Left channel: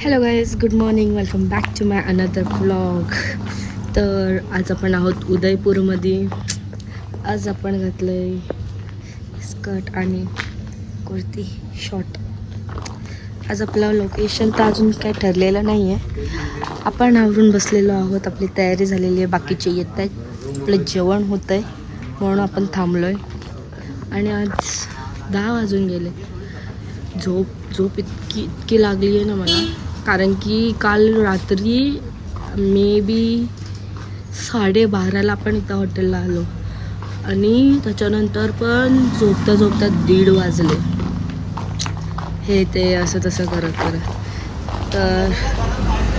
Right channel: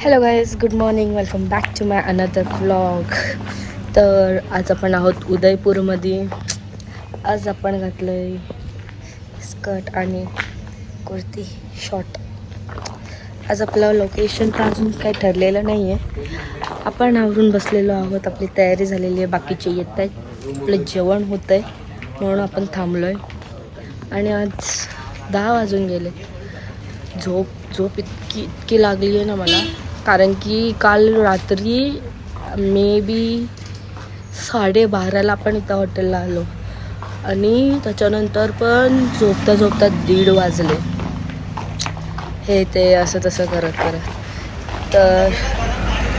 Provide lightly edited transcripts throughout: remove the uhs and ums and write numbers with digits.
Hello guys, good morning. Welcome back to my another vlog. तर आज आपण आहोत उदयपूरमध्ये. आज आपण घातलं आहे स्कर्ट आणि कुर्ती शॉर्ट. आज आपलं लोकेशन तर अजून काही ठरलेलं नाही आहे. आपण आवरून बसलेलो आहोत, आपली तयारी झालेली आहे, बाकीचे येत आहेत, आपलं जेवण होतं आहे म्हणून आपण थांबलो आहे. आणि आज 10 वाजून गेले. झोप इतकी लागली आहे ना मला, कारण की काल रात्री मे बी 12:30ला आपण इथं हॉटेलला आलो आणि त्याच्यानंतर पण झोपता 1:30 वाजले. हे ते असं तसं करत तर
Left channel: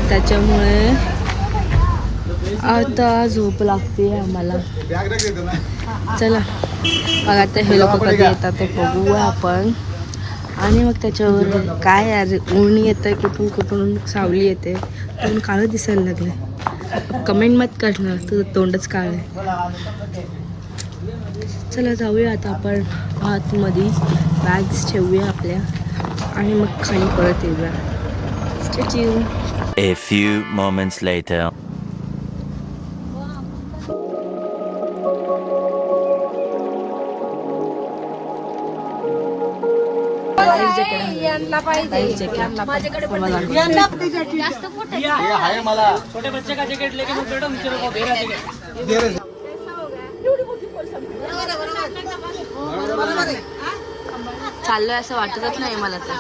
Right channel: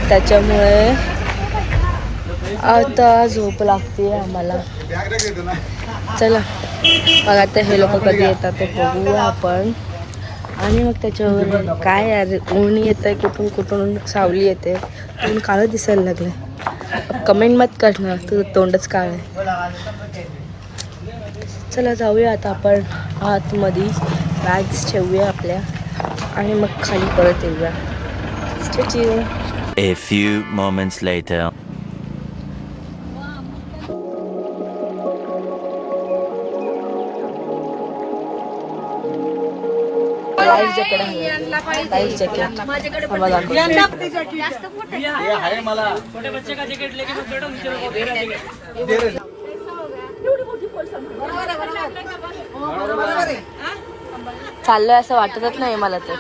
त्याच्यामुळे आता झोप लागते आम्हाला. चला मग आता हे लोक कधी येतात ते बघूया आपण. आणि मग त्याच्यावर काय यार, ऊन येत आहे, कुठून सावली येते, ऊन काळं दिसायला लागलं. कमेंट मत करणार, तुझं तोंडच काळं आहे. चला जाऊया आता आपण आतमध्ये, बॅग्स ठेवूया आपल्या आणि मग खाली परत येऊया. Stay tune. A few moments later. Life jacket हवं, लाईफ जॅकेट आम्हाला चाललोय असं वाटतच नाही मला तर.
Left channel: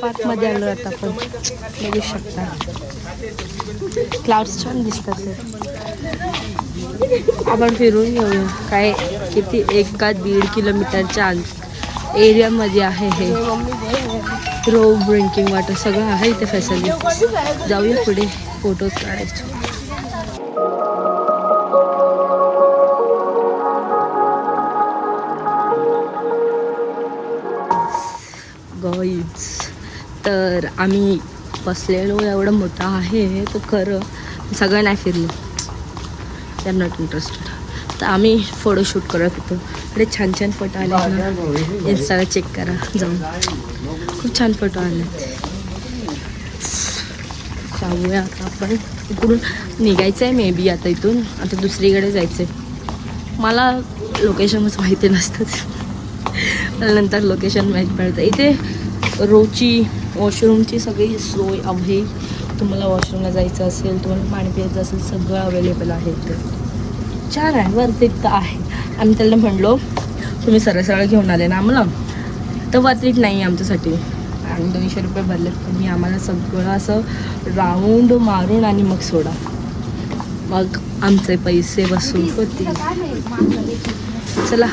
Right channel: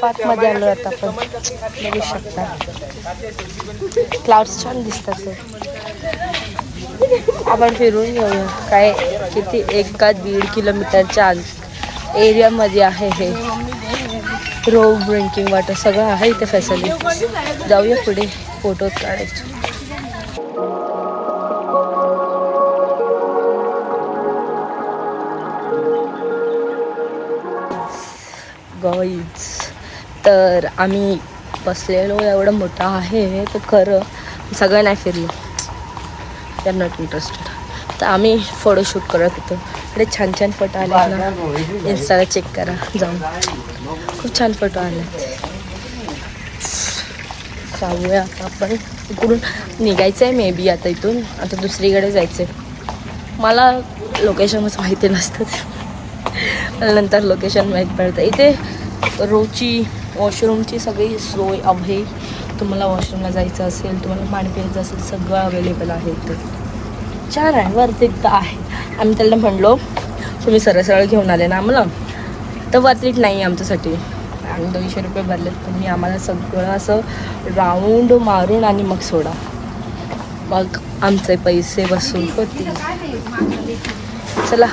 पार्क मध्ये आलो आता आपण, बघू शकता क्लाउड्स छान दिसतात. आपण फिरून घेऊया. काय किती 1-1.5 किलोमीटरच्या एरियामध्ये आहे हे. रोव, ड्रिंकिंग वॉटर सगळं आहे इथे फॅसिलिटी. जाऊया पुढे फोटोज काढायचे. गाईज, तर आम्ही बसलेलो एवढं मोठं आहे तर खरं सगळं नाही फिरलो. I am not interested. तर आम्ही फोटोशूट करत होतो. इकडे छान छान फोटो आले ना, इन्स्टाला चेक करा जाऊन, खूप छान फोटो आलेत. जाऊया आता आपण. इकडून निघायचं आहे मे बी आता, इथून आता दुसरीकडे जायचं आहे. मला लोकेशनच माहिती नसतं, नंतर लोकेशन माहीत पडतं. इथे रोजची वॉशरूमची सगळी सोय आहे. तुम्हाला वॉशरूमला जायचं असेल, तुम्हाला पाणी प्यायचं असेल, सगळं अवेलेबल आहे इथे. छान आहे, वरती तर आहे. आम्ही त्याला म्हणलो तुम्ही सरळ घेऊन आले ना आम्हाला, तर वरतीच नाही आमच्यासाठी. आणि 200 रुपये भरलेत, तुम्ही आम्हाला सगळं असं राऊंड मारून आणि मग सोडा. मग आमचे पैसे वसूल होतील. चला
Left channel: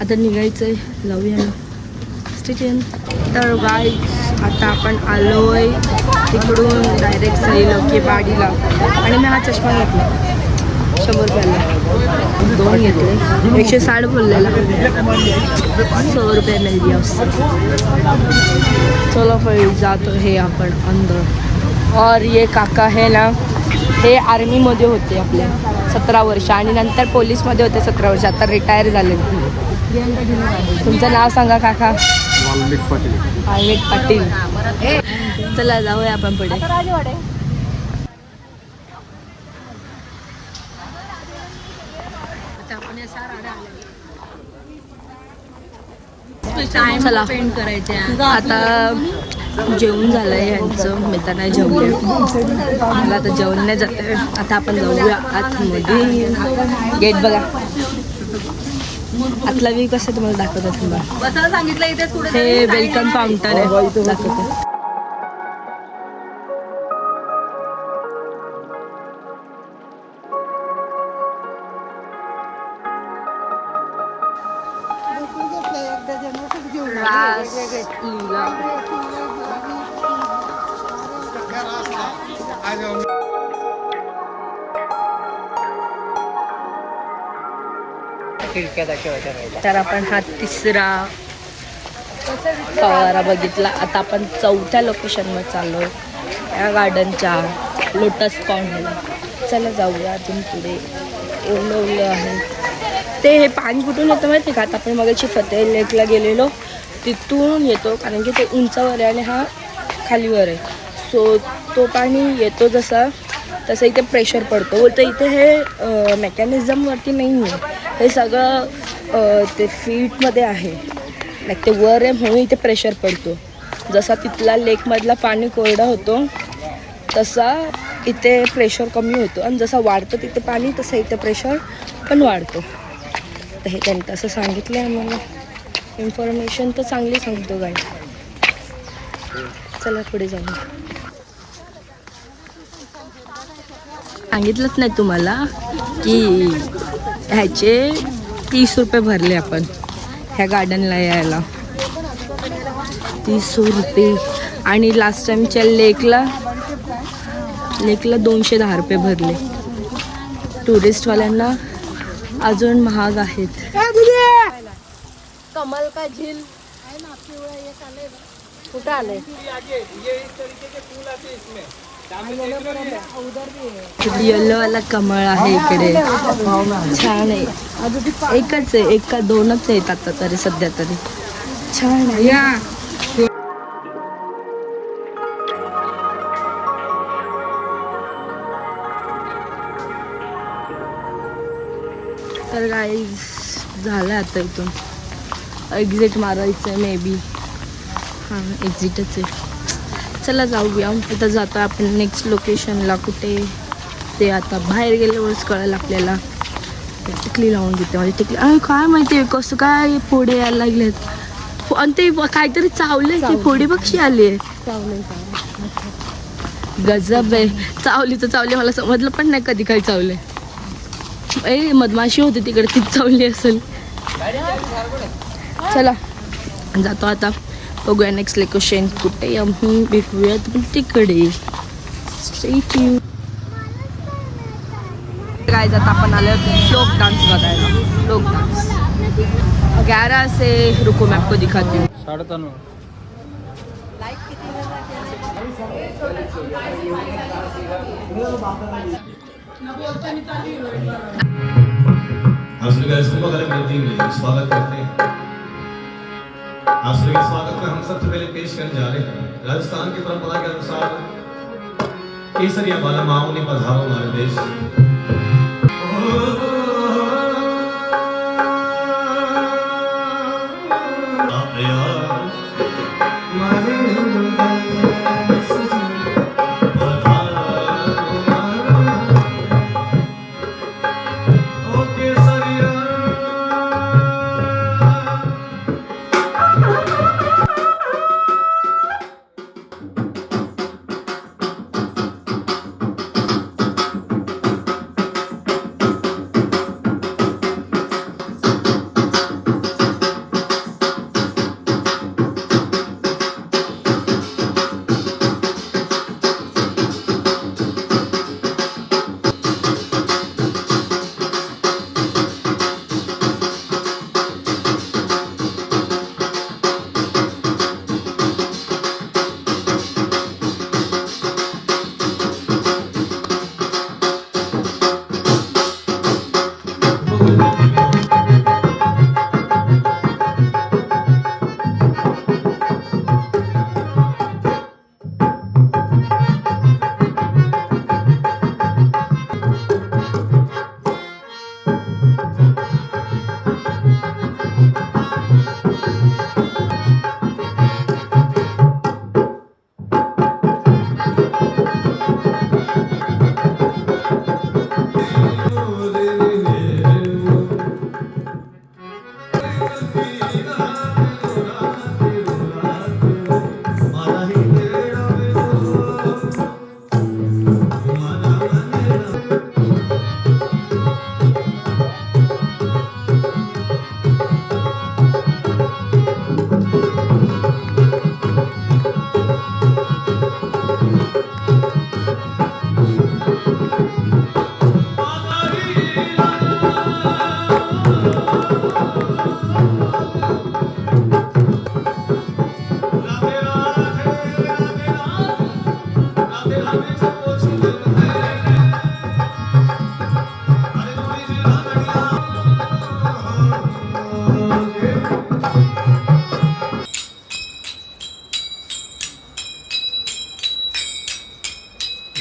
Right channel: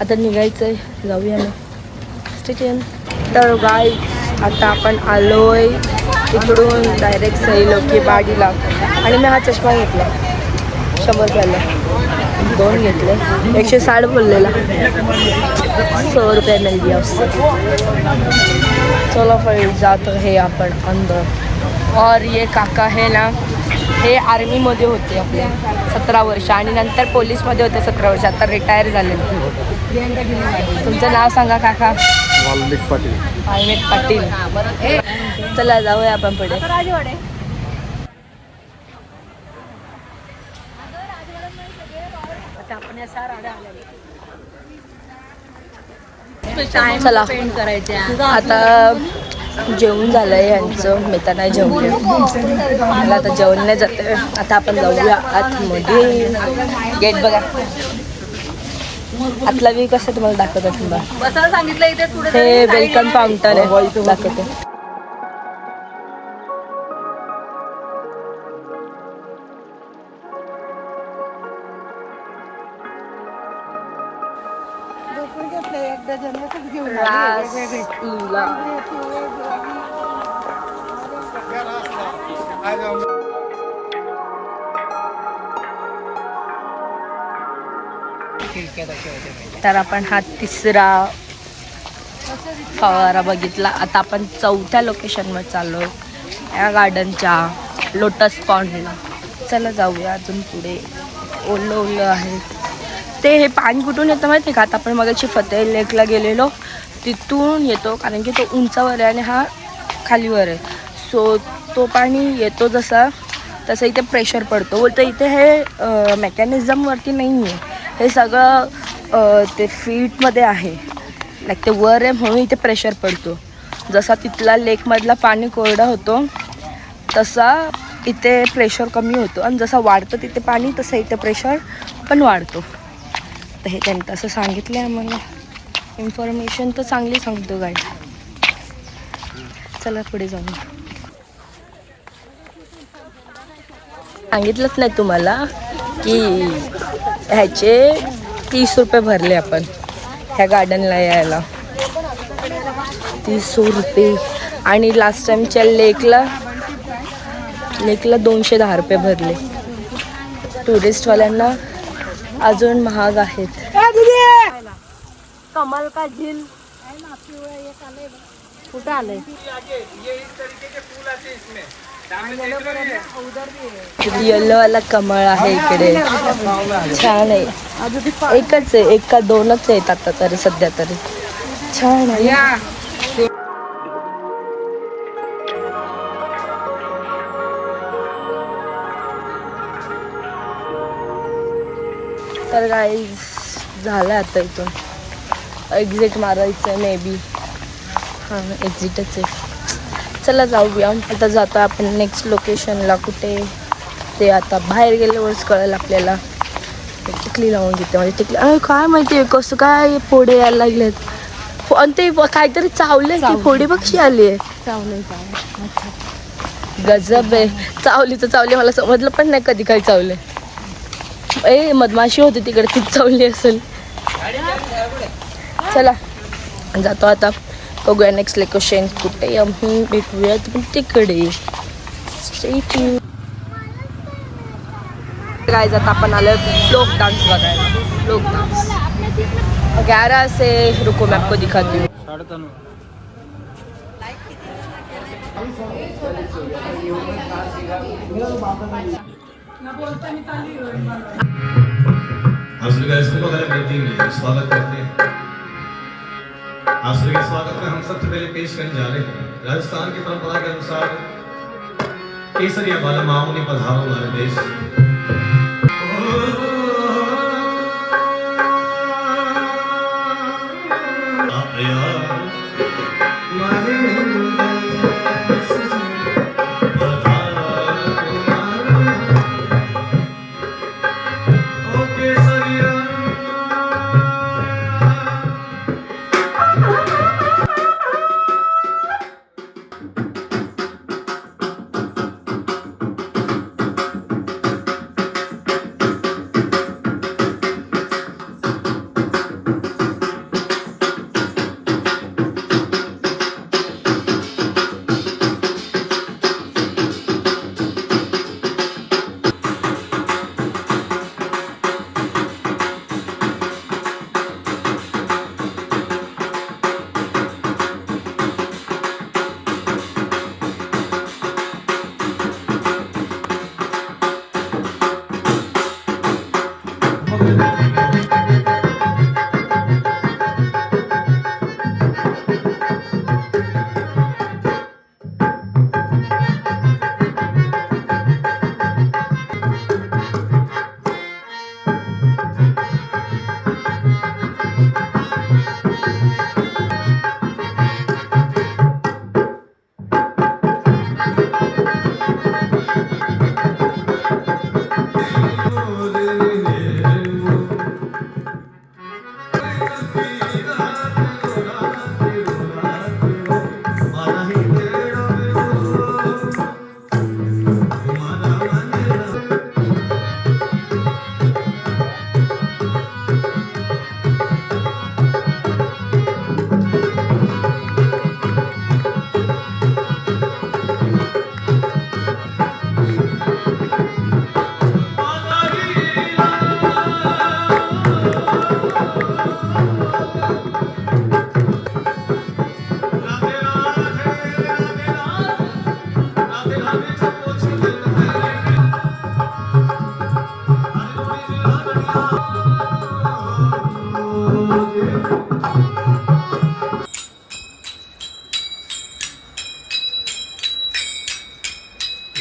आता निघायचं आहे, जाऊया मग. स्टेशन. तर गाईज, आता आपण आलोय तिकडून डायरेक्ट सैलो की बाडीला. आणि मी हा चष्मा घेतला 100 रुपयाला, 2 घेतले, 160 बोललेला, 100 रुपये मिल दिया उससे. चलो फिर जातो हे आपण अंदर. और ये काका है ना, हे आर्मीमध्ये होते आपल्या 17 वर्ष आणि नंतर पोलीसमध्ये होते 17 वर्ष, आता रिटायर झाले. तुमचं नाव सांगा काका. वाल्मिक पाटील. वाल्मिक पाटील. चला जाऊया आपण पुढे. चला आता जेवण झालंय यांचं, मी तर नाही जेवले, मला आता जेवण नाही जाते. आता आपण जाऊया आतमध्ये. गेट बघा आतला व्ह्यू कसं तुम्हाला दाखवतो, थांबा. हे वेलकम फाउंटन आहे, दाखवतो. रासलीला. तर आपण हा तिसरा फवारा बघितला. आता आपण चौथ्या लोकेशनवर चाललो आहे, या गार्डनच्या लोटस पॉन्डला. चला जाऊया अजून पुढे. ओलं ओलं आहे ते. हे पाणी कुठून येतं माहिती आहे का? आता आपण मगाशी फतेह लेकला गेलेलो तिथून येतो, कारण की तो उंचावर आहे आणि हा खालीवर आहे. सो तो पाणी येतो जसा तसं इथे प्रेशर पडतो. बोलतं इथे हे मेकॅनिझमवरती नाही आहे, हे सगळं ते फीटमध्ये आहे. लाईक ते वर आहे म्हणून इथे प्रेशर पडतो. जसा तिथला लेकमधला पाणी कोरडा होतो तसा इथे प्रेशर कमी होतो, आणि जसा वाढतं तिथे पाणी तसं इथे प्रेशर पण वाढतो. तर हे त्यांनी तसं सांगितलं आहे आम्हाला. इन्फॉर्मेशन तर चांगली सांगतो गाईड. चला पुढे जाऊ. सांगितलंच नाही तुम्हाला की ह्याचे 30 रुपये भरले आपण ह्या गार्डनला यायला. 30 रुपये. आणि लास्ट टाईमच्या लेकला 210 रुपये भरले. टुरिस्टवाल्यांना अजून महाग आहेत. कमल का झील कुठं आले? येल्लोवाला कमळ आहे इकडे, छान आहे. एकच आहे, एक का दोनच आहेत आता तरी सध्या तरी. छान आहे ना. तर गाईज झालं आता इथून एक्झिट मारायचं आहे मे बी. हां एक्झिटच आहे. चला जाऊया. आता जातो आपण नेक्स्ट लोकेशनला. कुठे ते आता बाहेर गेल्यावरच कळेल आपल्याला. टिकली लावून घेते म्हणजे टिकली. काय माहिती आहे कसं काय फोडे यायला लागलेत. आणि ते काहीतरी चावले की फोडी पक्षी आली आहे. गजब आहे. चावली तर चावली, मला समजलं पण नाही कधी काय चावले. मधमाशी होती तिकडे, तीच चावली असेल. चला जातो आता. बघूया नेक्स्ट लोकेशन कुठे. आम्ही भेटूयात पण तिकडे. काय जात आपण आलं फ्लोक डान्स बघायला. फ्लोक डान्स 11 से रुको मैं आपको दिखाती हूँ. आप सभी का इसको बगैर करती हुई स्वागत करते हैं. आप सभी के स्वागत में हम सबसे पहले पेश करने जा रहे हैं राजस्थान की परंपरा के अनुसार केसरिया वाला माओ ने पधारो हमारे देश.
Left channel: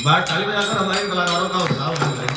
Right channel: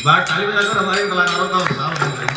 बात ताली बजाकर हमारे कलाकारों का उत्साह बढ़ाएं।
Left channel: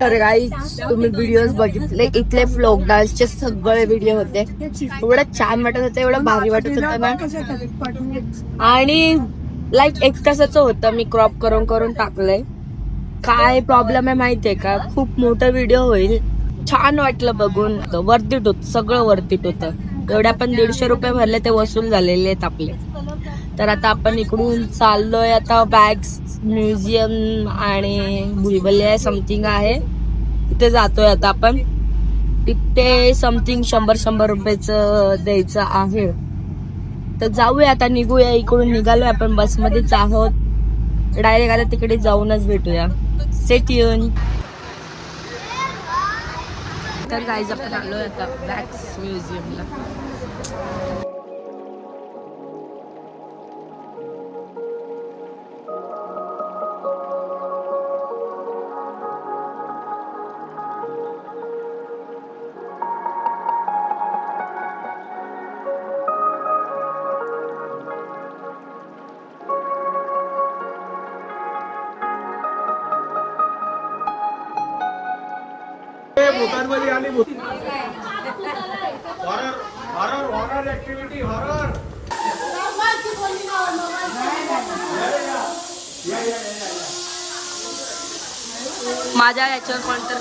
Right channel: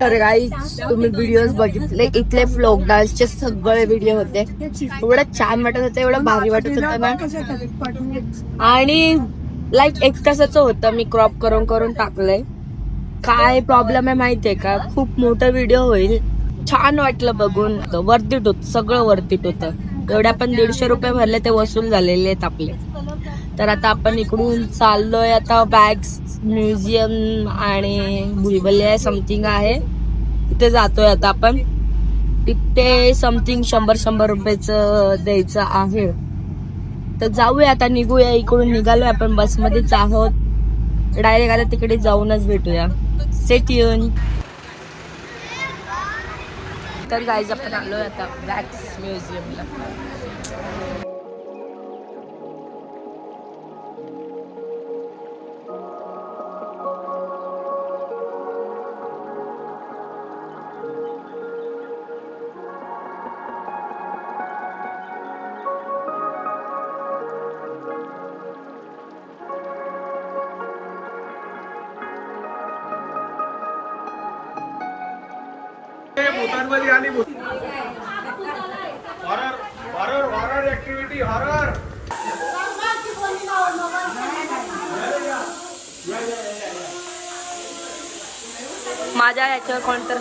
तर गाईज तुम्ही व्हिडिओज बघितले, इथले फ्लोक डान्सचे सगळे व्हिडिओ होते. एवढं छान वाटत होतं, एवढं भारी वाटत होतं ना. आणि लाईक 1 तासाचं होतं, मी क्रॉप करून करून टाकलंय. काय प्रॉब्लेम आहे माहितीये का, खूप मोठा व्हिडिओ होईल. छान वाटलं बघून, वर्थिट होत, सगळं वर्थिट होतं. एवढ्या पण 150 रुपये भरले ते वसूल झालेले आहेत आपले. तर आता आपण इकडून चाललोय आता बॅग्स म्युझियम आणि बुलबुले समथिंग आहे तिथे जातोय आता आपण. तिथे समथिंग 100 रुपयाचं द्यायचं आहे. तर जाऊया आता, निघूया इकडून. निघालोय आपण, बसमध्येच आहोत. डायरेक्ट आता तिकडे जाऊनच भेटूया. Stay tune. तर गाईज आपण आलोय आता वॅक्स म्युझियमला. Horror activity horror. माझ्या याच्यावर कोणतर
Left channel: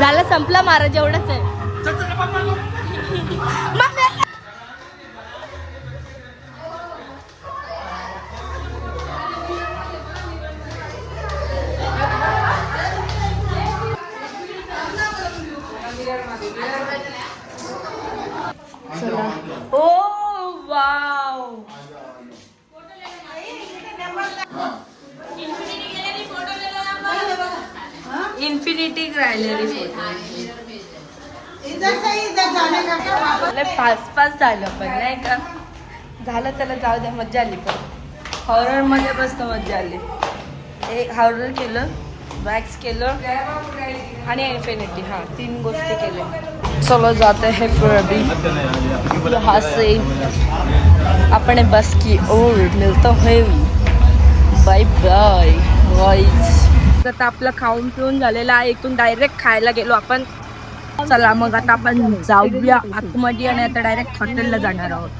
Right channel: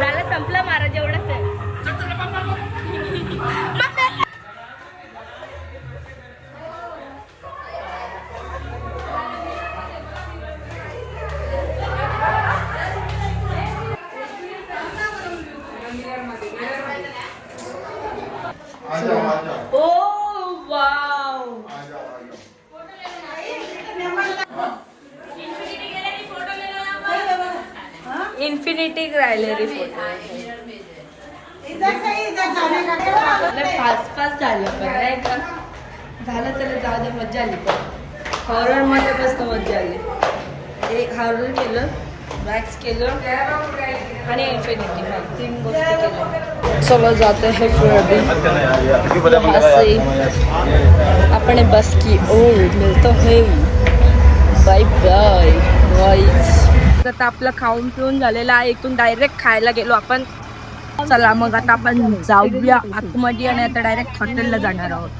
झालं, संपला महाराज, एवढंच आहे. Oh wow, infinity gallery photo. Fast झालं पण नाही का. झालं, त्याला जाऊ दे. मजा आली पण हॉरर मध्ये मस्त मजा आली. एक हॉरर केलं, वॅक्स केलं आणि इन्फिनिटी. हाँ, 3 गोष्टी केल्या. चलो जाते हैं फिर अभी यहाँ से अपने बस की ओर. मिलता है, बाय बाय गाइस. आता आपलं खाऊन पिऊन झालेलं आहे. इथून डायरेक्ट खायला गेलो आपण. चला मग आता आपण जाऊया आतमध्ये आणि आता डायरेक्ट हॉटेलला जाणार आहोत.